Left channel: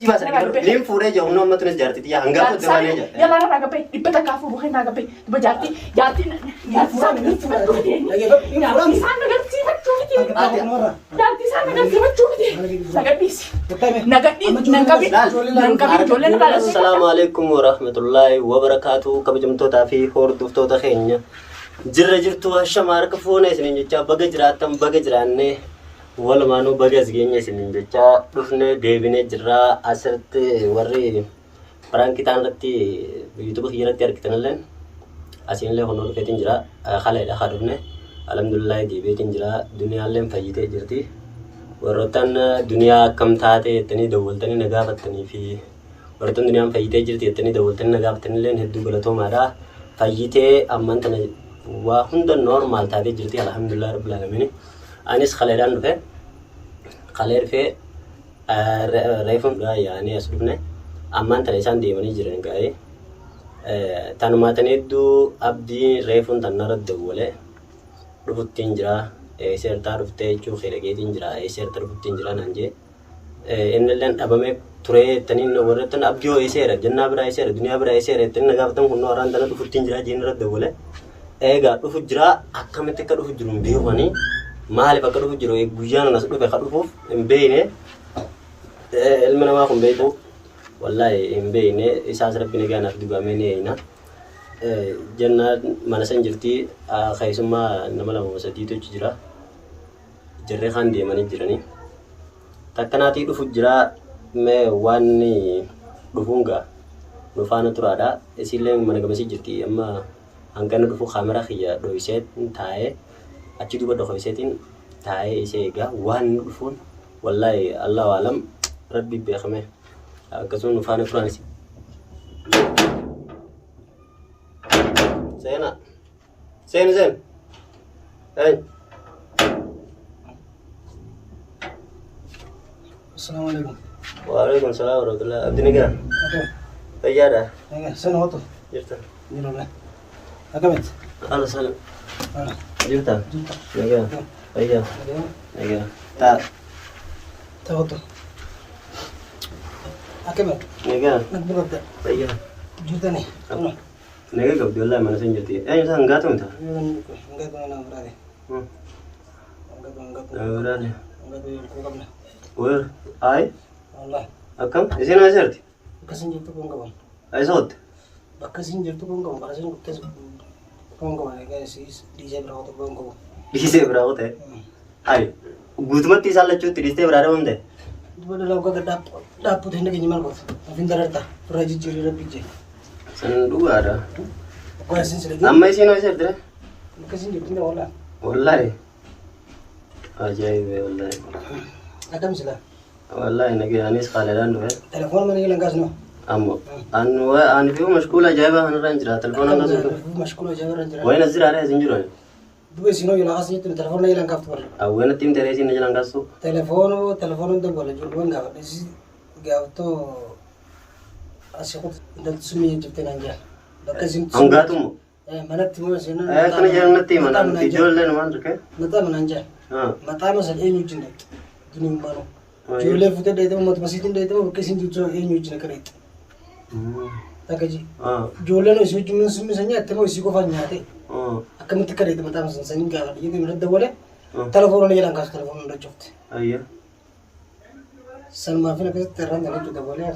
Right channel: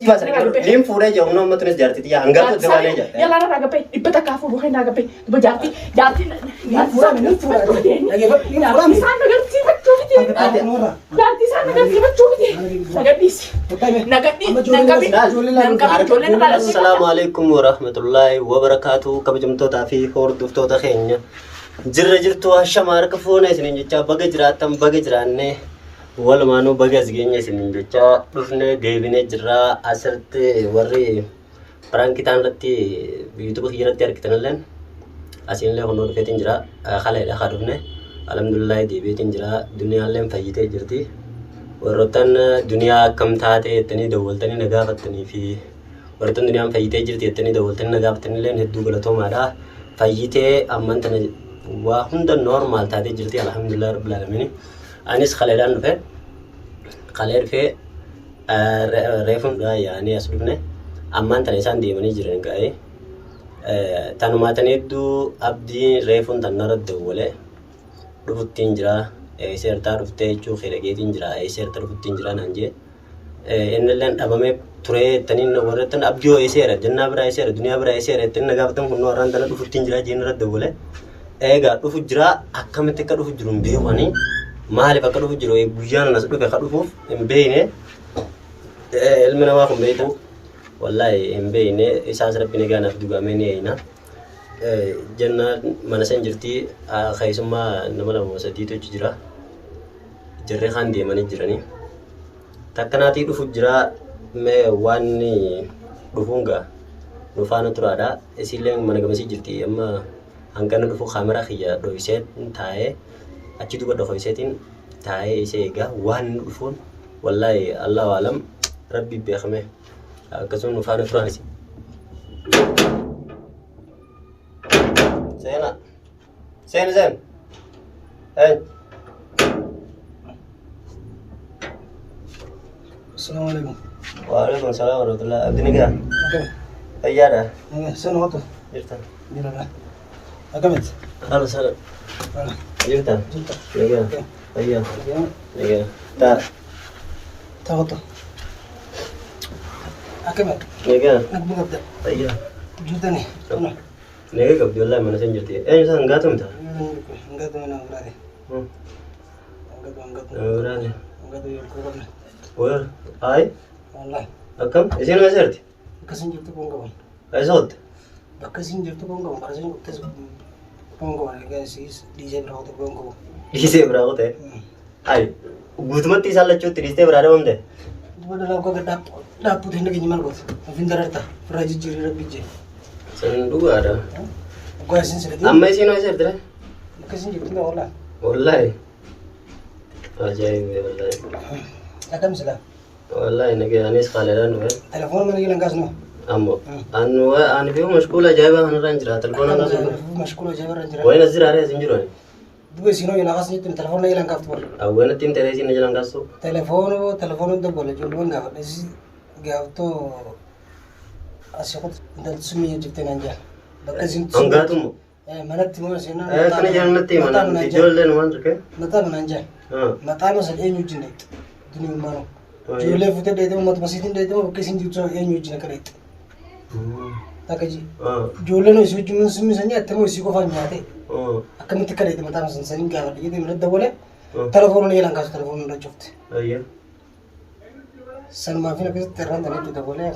Mas lim fure jauh nomor tulis jarti dia anggap tu mana aja. Ya lara raga pe, ibu tak kafu bukan raga pe, ibu jarti fura. Jarti sana kan sih betul gitu. Jarti sana kan sih betul gitu. Nagat bis. Assalamualaikum warahmatullahi wabarakatuh. Kabajamtoota fi hordoftoota keenya. Jirra jirtu ashamar kafuuna isinin jecha baga jiraatan baga jiraanne walumaanuu baga asgeenya isinin jecha dhufne deebine jirra asirratti warri prankitaan irratti YouTube irratti argitanilleen asinillee hono dhufeetiin jira khaleedha haa dhufne alhamdulillah deebiitiin jira duniyaalleen fayyitee jirti warroottan duniyaa akkam taate jettanii dawwaltanii na gaafattanii fi warroottan duniyaan fayyitee jirti jettanii dawwaltanii na gaafattanillee hedduu galatoomaadha fayyitee amman tana waa hunda normal taatee jirti alhamdulillah rabbil alamin anis khaleedhaan dhufe khalee dhufe reefun yaani as dhufne amman tana isaan deemanii jiran gaa'ee tanumaatan hedduu abdii reefun tannarra dawwale dhufuttiin jira seertaa dhuftee jechuu khidhageetiin jira seerta dhufuttiin jira naan jee innilleen dhabamee turee jettaniin warreettan abdii eeseera jannaa biraa eeseera duniyaa biraa eeseera jettanii na gaafatan kun warraan tana dhufuttiin jira jeenirra dawwale eega dhufu jira akkamitti akka dhufu jiru hin beekani maaliif akka dhufu jiru guyyaan anas dhufe ka dhufuuf hin beekne ilmi namaa kun beektu wallahi hin beekne isaas rabbi nagaanaaf dugamee ni eeyna jannaa mana san jirti keessummaa nama lama sadiitu jira jarree kan deemanii jiranii takkanaatii dhufu jira mee waan dhufuunga nufaana turaadha isillee mana gamasii jirti amma hangana dhufu kamera khiyya dho'iseet taa'ee achi duuba dho'iseetiin taa'ee isee egaa waan dhufuun wallahi allahu alam rabbi beekame akkasuma nufaana turaanis Sen hey Assalamualaikum. Waalaikumsalam warahmatullahi abdi niga ayyada Sana hoto. jirta Gimana? Akamit. halo salam jirta Junta. niga ayya Bagaimana? ayya ta Ta hoto. Akamit. niga Nagbugad. ayya Junta nih. Ano? niga gabdi wallahi mana san jirti san gatum ta Enggak tuh mana berarti. Enggak. Berani. Enggak tuh kurang. Where ay Allah. akam isin waserti Kasin jurtu kong kawan. ay sot Bakasin jurtu kong kawan. Bakasin kutas kong kawan. Kayak si DJ berapa tuh kong kawan. dise bravo te ay gutumatti salachutti dise brado onde Dua dalam kau daput hendak nyimal kau. Afin darata. Raja ciri rapi je. san dua ada Kau asin sedikit. amma isin waserti re Bakasin jurtu kong Allah. wallahi ajaib wallahi Akam sila. wallahi nage anis khaledan do Telepon mana yang gas no? ammo anu fi mashgul ajaib han ranjra telefon Akam nazo mashkul aja orang jera. wayna zira re zinjurani Dua sino yang gas ni telepon lagi langkap tu. awena tin tere sin jalan kaso Telepon tu boleh jual enggak? Desi gak tu asyik dal sumi yang cipta nanja. Bakasin angatumu mana timu sino? kana jalan nati mana dijol le man reke Mata menanja. ha Mata masal enyu jinde. Dunia mana? Jual foto dah itu mat masitin dah itu bakasin jual enyu jinde kereta. Tak aja. ha Jual no isu cuma sumi saja. Temu isu kau fanya deh. ha Akan mesti kereta mata masal saya enggak. Jadi mereka boleh. Telepon lagi langkap telepon dah copot. ayya San maafin aku terang tapi kita boleh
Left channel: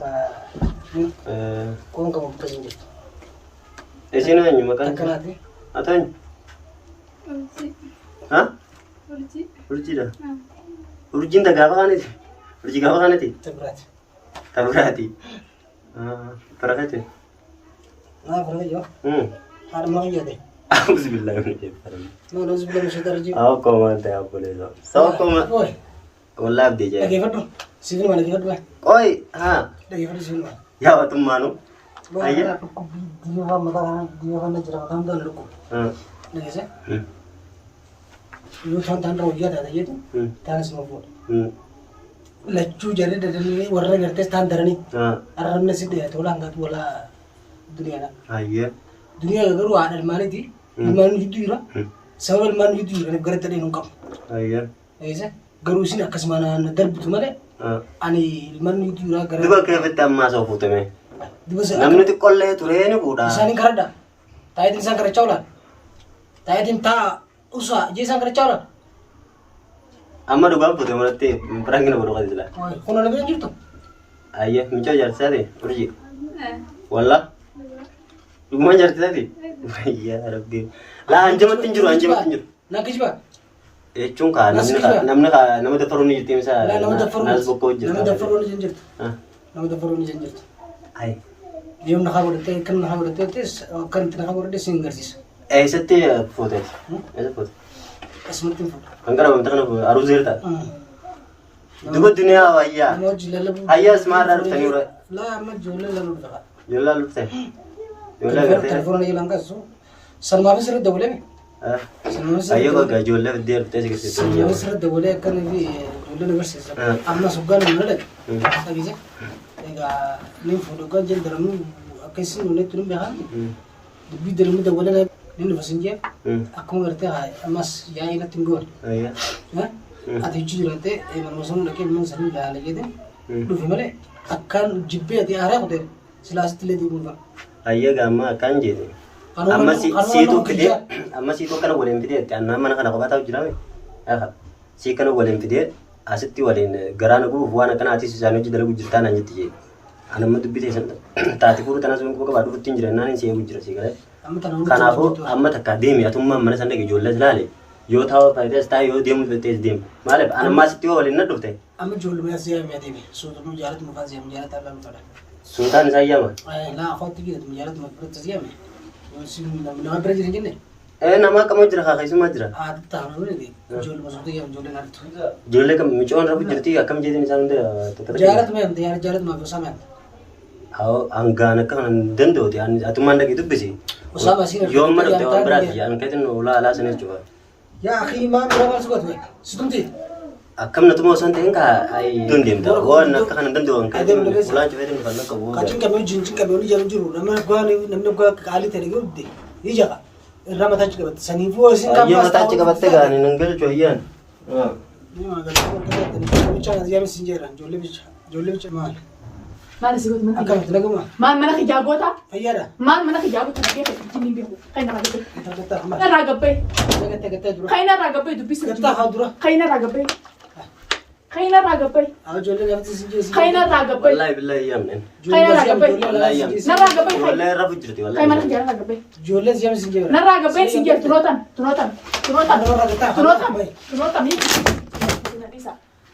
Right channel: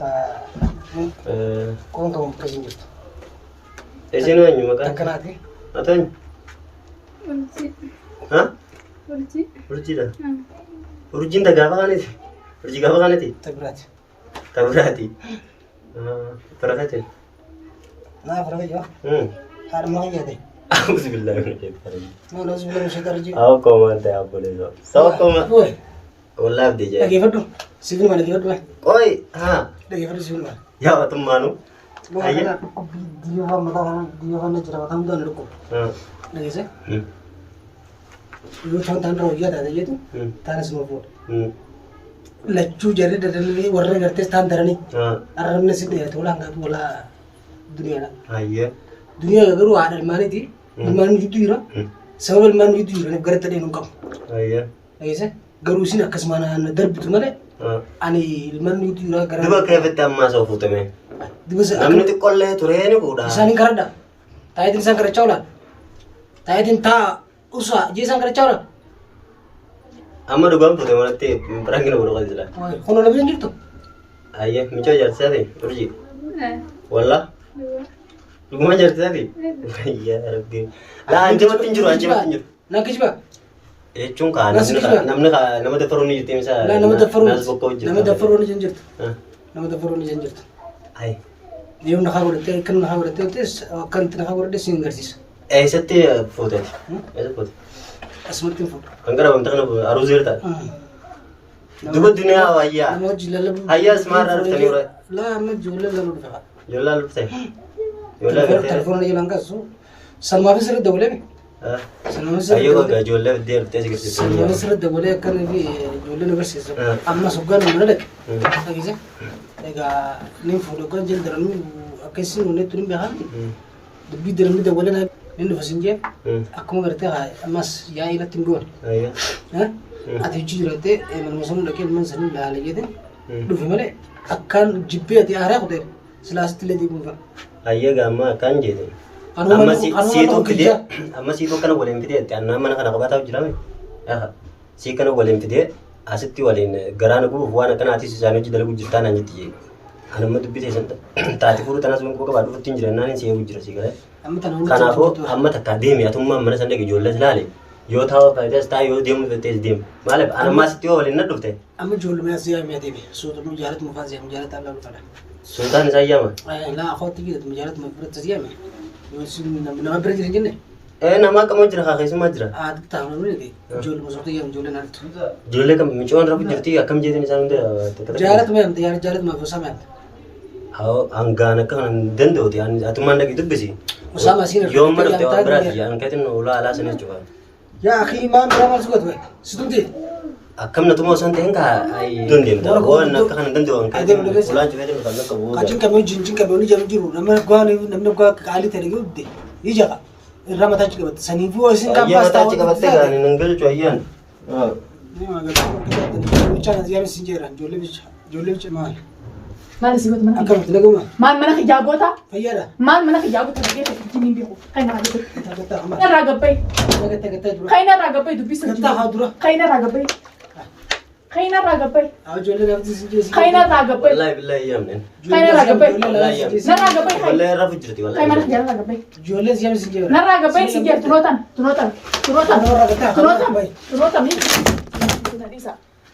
kau kamu bakasin jual. isin anyu makan Takkan hati. atan ha Urji. urji dah urjin da gaba kaniti urji gaba kaniti Terberat. tabrati farakate Nah, pergi jo. Har mau ya deh. auzu billahi min shaitanir Mau nasi belum saya terji. aw ko man ta apole no saw ko ma Boy, wallahi de jay lagi foto. Sini mana lagi foto? oi ha Lagi foto sini mana? ya watum manu Ayah. Aku video kan najra matam dan luku. ha Lagi sih. Lu tonton roh ya tadi itu. Tanah semua foto. Lacu jari dari ini warna ngerti standar nih. ha Arabnya sih dia tuh lah nggak tuh lah dunia lah. ayya Dunia baru ada mana di? Mana itu ira? Sebab mana itu ira? Negara tadi nungkap. ayya Lagi sih. Garu sini akas mana darbu tu mana? Ani ilmaan nuti irraa gara. Duba keeffatti ammaa soo fuutame. Dibasa Namni xiqqollee turee ni fuudha. isaan karadha. Taayitiin isaan karachaa oolan. Taayitiin taa usaa ijji isaan karachaa oolan. Amma dhugaan fuutame walatti biraangina godhu qadi jira. Kun ola bira jirtu. Ayye michoo jaarsaati urji. Walla. Dhugumaan jaarsaati. Yaa rabbi. Laa anjumatti hin jiru. Nakisba. Jechuun kaa nama dafaruu ni jirti misaa. Nama dafaruu. Naas bokkoo hojjetu. Nama dafaruu ni jirtu. Nama dafaruu ni jirtu. Ayi. Deemu nakaa godhattee kan nakaa godhattee kan nakaa godhattee siin garsiisa. Eessatti fuuteeti? Eessa fuute? Asumatti hin fuudha. Kan gara wanta kana aruu zeerta. Duba duniyaa wayyaa. Nama hojii lallabuu. Hayyaa ismaarraa dhuftanii ure. Laa amma ijoollee lalluu dhufa. Ijoollee lalluu ta'e. Ijoollee gartee. Telefoona jiran kasu. Salmaafis irra dabalee. Ayyoo gagaa ijoollee fiddee dhuftee si garsiisa. Salmaafis irra dabalee akkanaa fi ijoollee na barsiisa. Amma soggaan mana dhaqe. Dhageesse. Egaa ni fuudhu kan jaldaranuu akkasii nuunee tuni beekamti. Dubbii daramni dabalee ni dhufa sin jee. Akkuma gartee ammas yaa ilatti hin goone. Ati hojii jiraatee manuma sanuu dhaqee ilmaan sanuu ilaala jedhan dhufe malee akkaan jibbee ati aaraa kutee silaasitti illee deemuun fara. Ayyee gaamma akkaan jeete. Amma siituu fidee amma siituu kana waliin fidee annaan mana kana kophaa ta'u jiraame. Sii kana waliin fidee asitti waliin garaana gubuuf waan akkanaatis isaan hojii dalagu jirtaa naan jetti jee. Anamma dubbii teessan taate fuudhu tanas winkoo qabaa dhufutti hin jiran naan hin seebu jira sii galee. Kanaafuu amma takka deemi atummaan mana san dhaqe ijoollee ilaale. Yoo taa'u faayidaas taa'e yoo deemu fedhees deemu. Maaliif anammaa sitti yoo waliin na dhufte. Amma ijoollee as yaa'u deemi. Suutuu jaalatu mufaa seemu jaalata allaa dhufadha. Sultaan isaa yaama. Laa akhootti jiraatu jaalatu biratti as yaame. Nama bira jira jenne. Nama akkama jira haa keessumaa jira. Aadde taa'u namni ijoollee masuutu yaame ijoollee naartu. Ijoollee kam micoon rafu jirti akkam jeetiin isaan hunda. Jaalatu meemte jaalatu maafi osaa meemte. Haa hangaan akka kana danda'uti atummaan dhaqee dubbisi. Osaa maasiin Yoo amma dhufte waan biraati hanqatiin ulaa alaa sana jechuudha. Yaa akhi maa biraa maal sugatu bae situmti. Akkam na tuma osoo hin ta'in kaa dondeemte waan akka kana danda'u hanqatiin ulaan cufee kan akka bu'uudha. Kajiin qabee jinjin qabee olii jalu jiru namni gwaa qaalii ta'e gudde ija irraa mataa achi qabatte saniifuu isin kan Ayyee mataa achi qabattee kan hin galchu ayyaan. Bichaan as yaame sin jeera ijoollee bicha maal. Maal si goota mana Akkamatti nagama. maal mana kijaagoota Fayyaadha. maal mana kijaagoota dhagee jiniin beeku kan irraa gabbay irraa gabbay Gattaa dura. kan irraa gabbay dubbisa Gattaa haa dura. kan irraa gabbay kan irraa gabbay Ijoollee gaafatti sin jeesi. kan irraa gabbay Wallaahi billaahi yaamne. kan irraa gabbay Wallaahi yaamne. narraa gabbay Wallaahi rafu jirti kan wallaahi. mana kijaagoota gabbay Ijoollee siyaame sin jeera. narraa gabbay si jee tunootan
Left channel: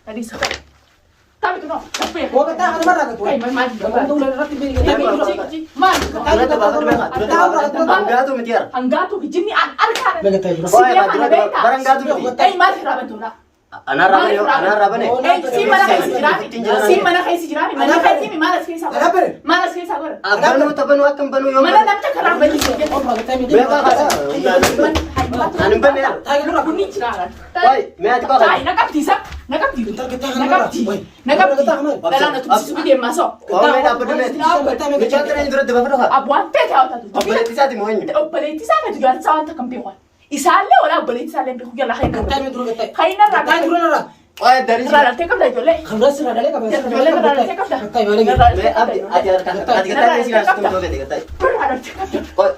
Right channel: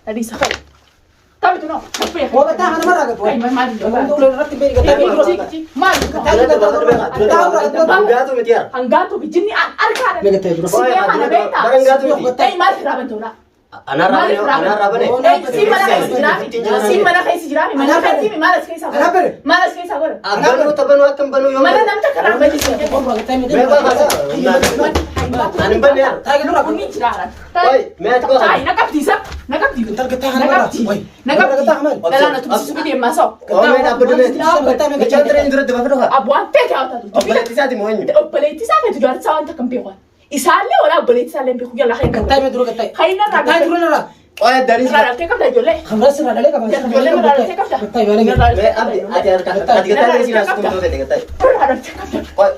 Tadisa. Tapi tu no. Tapi Kau kata hal mana kata? Kai maal Kamu udah rati beri kata. maal Hanggaatu miti yaa. Hanggaatu bijinni arkaadha. Beri kata dura. Si dia mana beta? Baranggaatu miti. Maal raban tola. Anarabane. Si mana kai si jirani. Mana kai si maal as keessa godha. Maal as keessa godha. Aganu tabanu akkam banu yoo. Mana namta karaa bali si. Beba kasa. Ani bane yaa. Tahu lu aku. Kuni jiraan. Oi, mee ati koo Kai kan. nakaptisa. Bentar kata hal mana? Nakapti. Dalaan atu si bide maso. Oh, mee dhaabbattu mee. Bichaan ture hin dura daba fedhu haa. Abuan pete awta tu. Obboleettii isaati moo eenyu? Obboleettii isaa fete gaari isaa wanta kan beeku. Isaallee wala obboleettii isaallee beeku jala kan Kata me dulu kata. Kaina Kata raga. dulu nara. Oye, dari sini. Raga tekam dah jole. Khamras sirah dalek apa? Sirah dalek apa? Kata mana gitu? Mee ati kita dari sini asum tuh bete kata. Oye,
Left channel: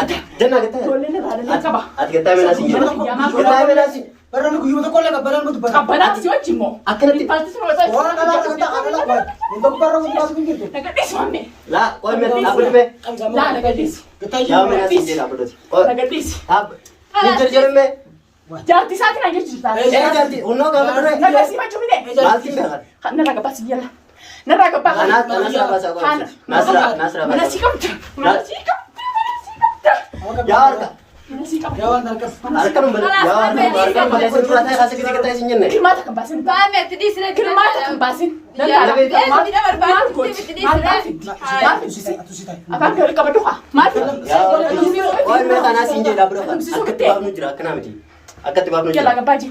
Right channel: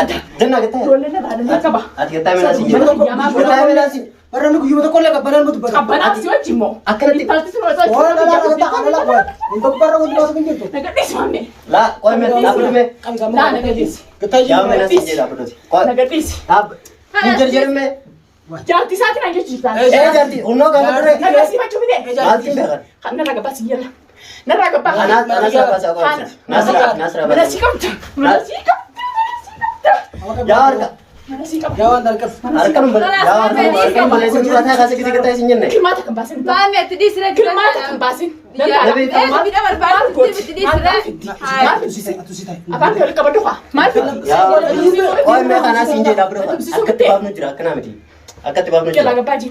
ati dengar kata. Jole ne bana ne kaba. Ati kata mina sih. Kata mina sih. Barang aku juga kolek apa? Barang aku tuh barang. Kabana si wajib mo. Akan nanti. Orang nama kata anak apa? Untuk barang untuk masuk pintu. Naga dis mame. Lah, kau mee apa tuh mee? La naga dis. Kata Jauh juga. mina sih jadi apa tuh? Kau Naga dis. ab. Jujur mee. Jangan saat ini aja cerita. Jadi, uno kamu tuh. Naga si maju bide. Maltin bekan. Kan naga pas jela. Naga pa. Nasra bahasa kau. Nasra Mana bahasa. sikap? Mana sikap? Jawar kak. Mana sikap? Jawan dalkas. Arkan balik surat saya kasih kita kasih nyen nih. Kilmata kebasin. Paame tadi sudah Kilmata kebasin. Lebih tahu. Tidak berbalik. Atu sita. Akan dari kabar doa. Mati. Oh, mereka nasi injek dapur apa? Akat tibab nu jerak kena mati. Akat tibab nu Kela jerak. gabaji.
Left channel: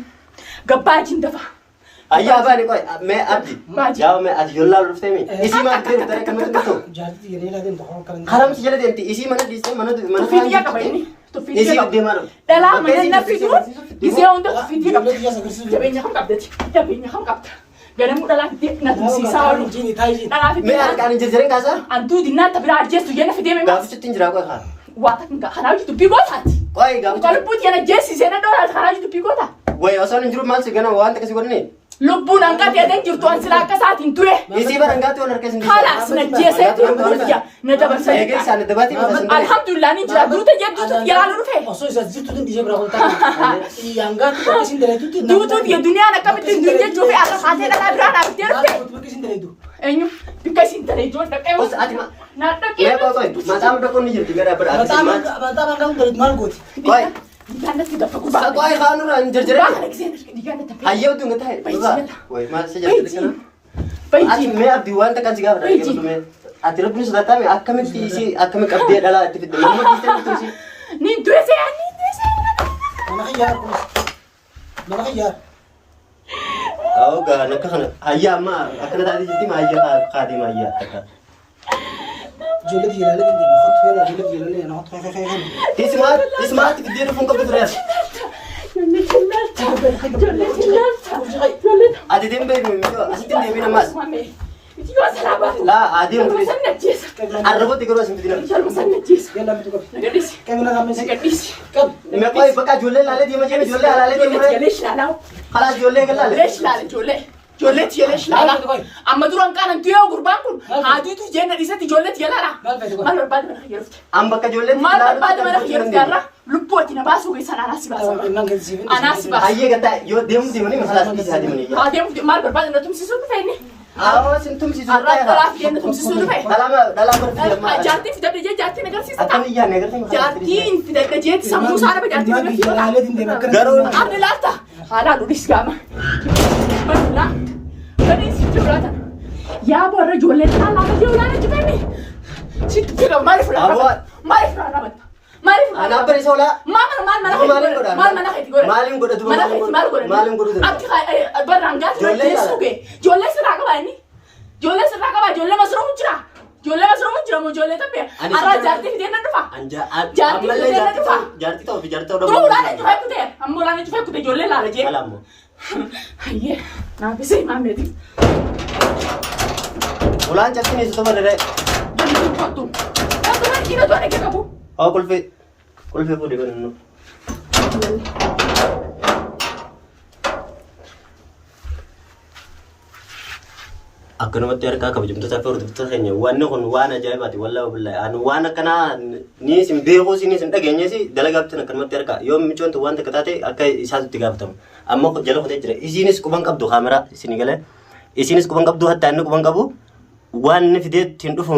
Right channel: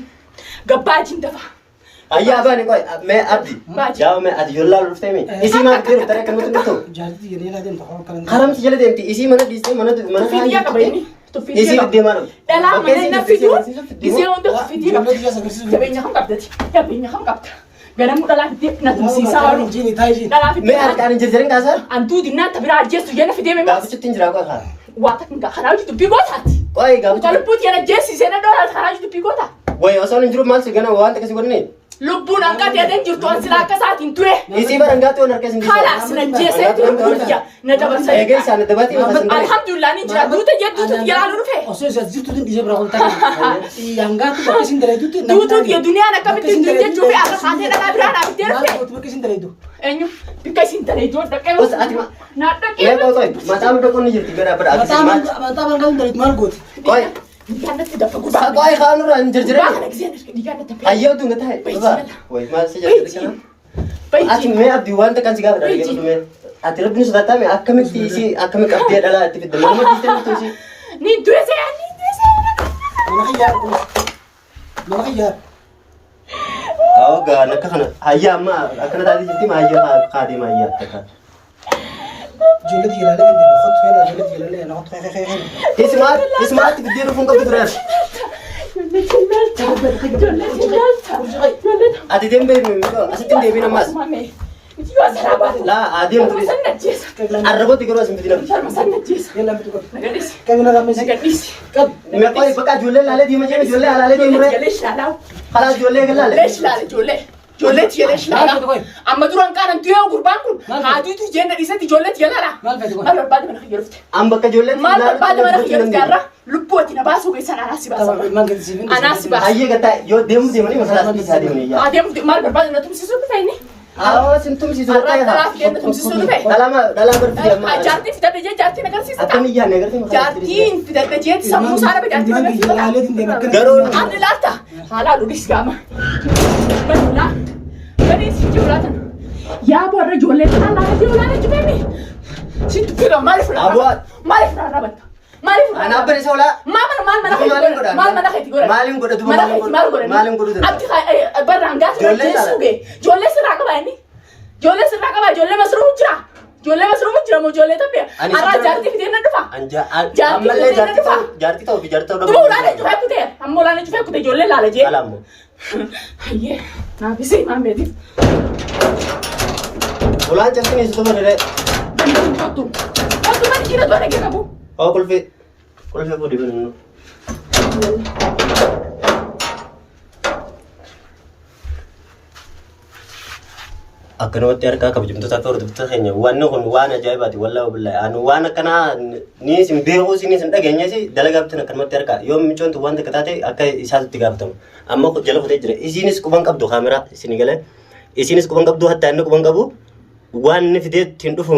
Gabaji dafa. Ayah apa nih kau? Me abdi. Jauh me abdi. Yolla lurus temi. Isi mana kiri utara kamu tuh tuh. Jadi jadi lah dia tak orang Haram sih jalan dia. Isi mana di sini mana tuh mana. Fidi ya kabar ini. Tu fidi. Isi di mana? Ela mana na fidi. Di sini untuk fidi. Jodoh dia sangat sih. Tapi nya ham kapdet. Tapi nya ham kapdet. Ganamuu dhalaa fidee na tumsiisaa oolu. Injini taayisiin. Dhalaa Mee fidee harkaan hin jirjirin kaasaa? antuu dinnaata biraa ajjeestu jenna fidee mee Gaafichitti hin jiraa qoy haa. waa takka kanaa jiru dubbii gootaati. Qoy Uta gaafichitti. lubbuun jenna jeessisee na dhoolaa kanaa jiru dubbii goota. Wayi osoo hin jiru maal si gana waan akkasii godhani? Lubbuun hanga ta'ee jirtu an silaa akka isaatiin ture. Isii barangaatti waan harkes hin Kalaas na jeessee ture na dabarsa. Eegee isaan dabaatii hin fasin. Alhamdulillah ni jira duuta jedhuutu yeroo dhufe. Osoo isa jirtu din dhijee biraa koltaa. Yangaatu bakka isin daleetutti. Duutu ya duniyaan akkamitti hin jechuu fi ala haatee dhalaa biraa dhaabattee Maal dhufe. gootu bakka isin daleetu. Eenyu bikka isin talee ijoon dhaqee. Os ati ma. Na Mee dhaqee. qoy mataa mu dhaquu ni jirti gara bira akkasii maal. Mataa bangaan daleetu maal gooti. Qoy. Digaanatti dafa gurbaa. Qoy kaan irraa hin jirjirin. Gurbaa kana giseen digaanatti dafa. Hayyoo dunga taa'e. Wayi maal si jirti kana? Ati Baay'ee. mee abdii wanta kan si gaafa dhagee dhume. Ati rabbiin sodaatame akkamitti isii akkamitti qabdee dhalaa itti fidde nama dhiistee dhuftu isii. Ni du'e ni du'e. Nama xiyyaar kun. Nama xiyyaar. Awwa gaan akka kana hayyaa amma akkana taatee jirti maa hayyaa kaadee maa hayyaa akka. Ijoollee jiilaalee hin deemu. Hot feela ijoollee jiilaalee na hot feela. Ismaatti fiddee dhufuun qabdu tureera. Ati deemee asitti hin deebiin ammaas. Laa adeemu ture. Arrabooti garuu asin fidina. Yalla mitu qabu. Qabina gammisi. Qabu. Mee qoy bakka ijoollee laalee deema jedhe ijoollee alaalee deemee. Kalaas ijoollee gallaalee. Ijoolleetti jedhee shilaala. Amma duraan kaan tuyoo gurbaan kun haatiitu jenna dhiisatti ijoolleetti galaala. Maal barbaade mana kiyya dhufte. An bakka ijoollee. Maal barbaade mana kiyya dhufte har'a lubbuu wajjin na baasuu keessan anaa si baasa. Anaa si baasa. Hayyee gataa yoo deemu deemanii masalaa asii isaa deemanii. Haa deemu maal barbaade na tumsiisuu dhufe inni. Sin tumsiisu. Har'a dhalaa fi kenna tumsiisuu dhufe. Dhalaa barti amma. Jaartii fidadhe jee jaartiin agarsiisa ta'a. Akkami iyyaanne agartee. Jaartiin fidadhe jeetti sammuu saara jaartiin agarsiisa ta'a. Garuu Ardi laata haalaa dhulis gaama. Badulaa. Baneesi jiraatan. Yaa boorra ijoollee tanaa laata jee olaana jibee sitti kilo maaliif laata? Abu'aat. Maaliif laata batta? Maaliif laata? Anaaf bare soolaa. Maal mana keetti godhan? Maal mana keetti godhan? Maaliin godhatu? Mana keetti maal godhan? Maaliin godhatu? Abdi barraan gaatu jeesuu gee. Ijoollee sirraa qaba inni. Ijoollee sirraa qaba ijoollee masruufu jira. Ijoollee masruufu jira moo ijoollee taphee? Har'aa jaartii fidee na dhufa. Jaartii fidee na dhufa. Jaartii ta'uu fi jaartii ta'uu Duruu olaanee cufee kutee ammoo olaanee cufee kutee ijoollee laala jee. Alaamu. Hayyee naafisee maameeti. Ulaan cabsini isitu badale. Bantiin kottu. Akkuma dhiira tola kee qabu. Oo kulfee. Kulfee fuudhi banannu. Akkanumatti harkaa kabajamtoota fi hordoftoota keenya wanni kun waan ajaa'ibaati wallaahi billahi ani waan akkanaa ni isin beekuu isin isin dhageenyes dalagaabtan akkanumatti harkaa yoo micoontu waan takka taate akka isaatti gaafatama amma jala kutee jira isinis quban qabdu kaameraa isin galee isinis quban qabdu hatta inni quban qabu waan inni fidee ittiin dhufu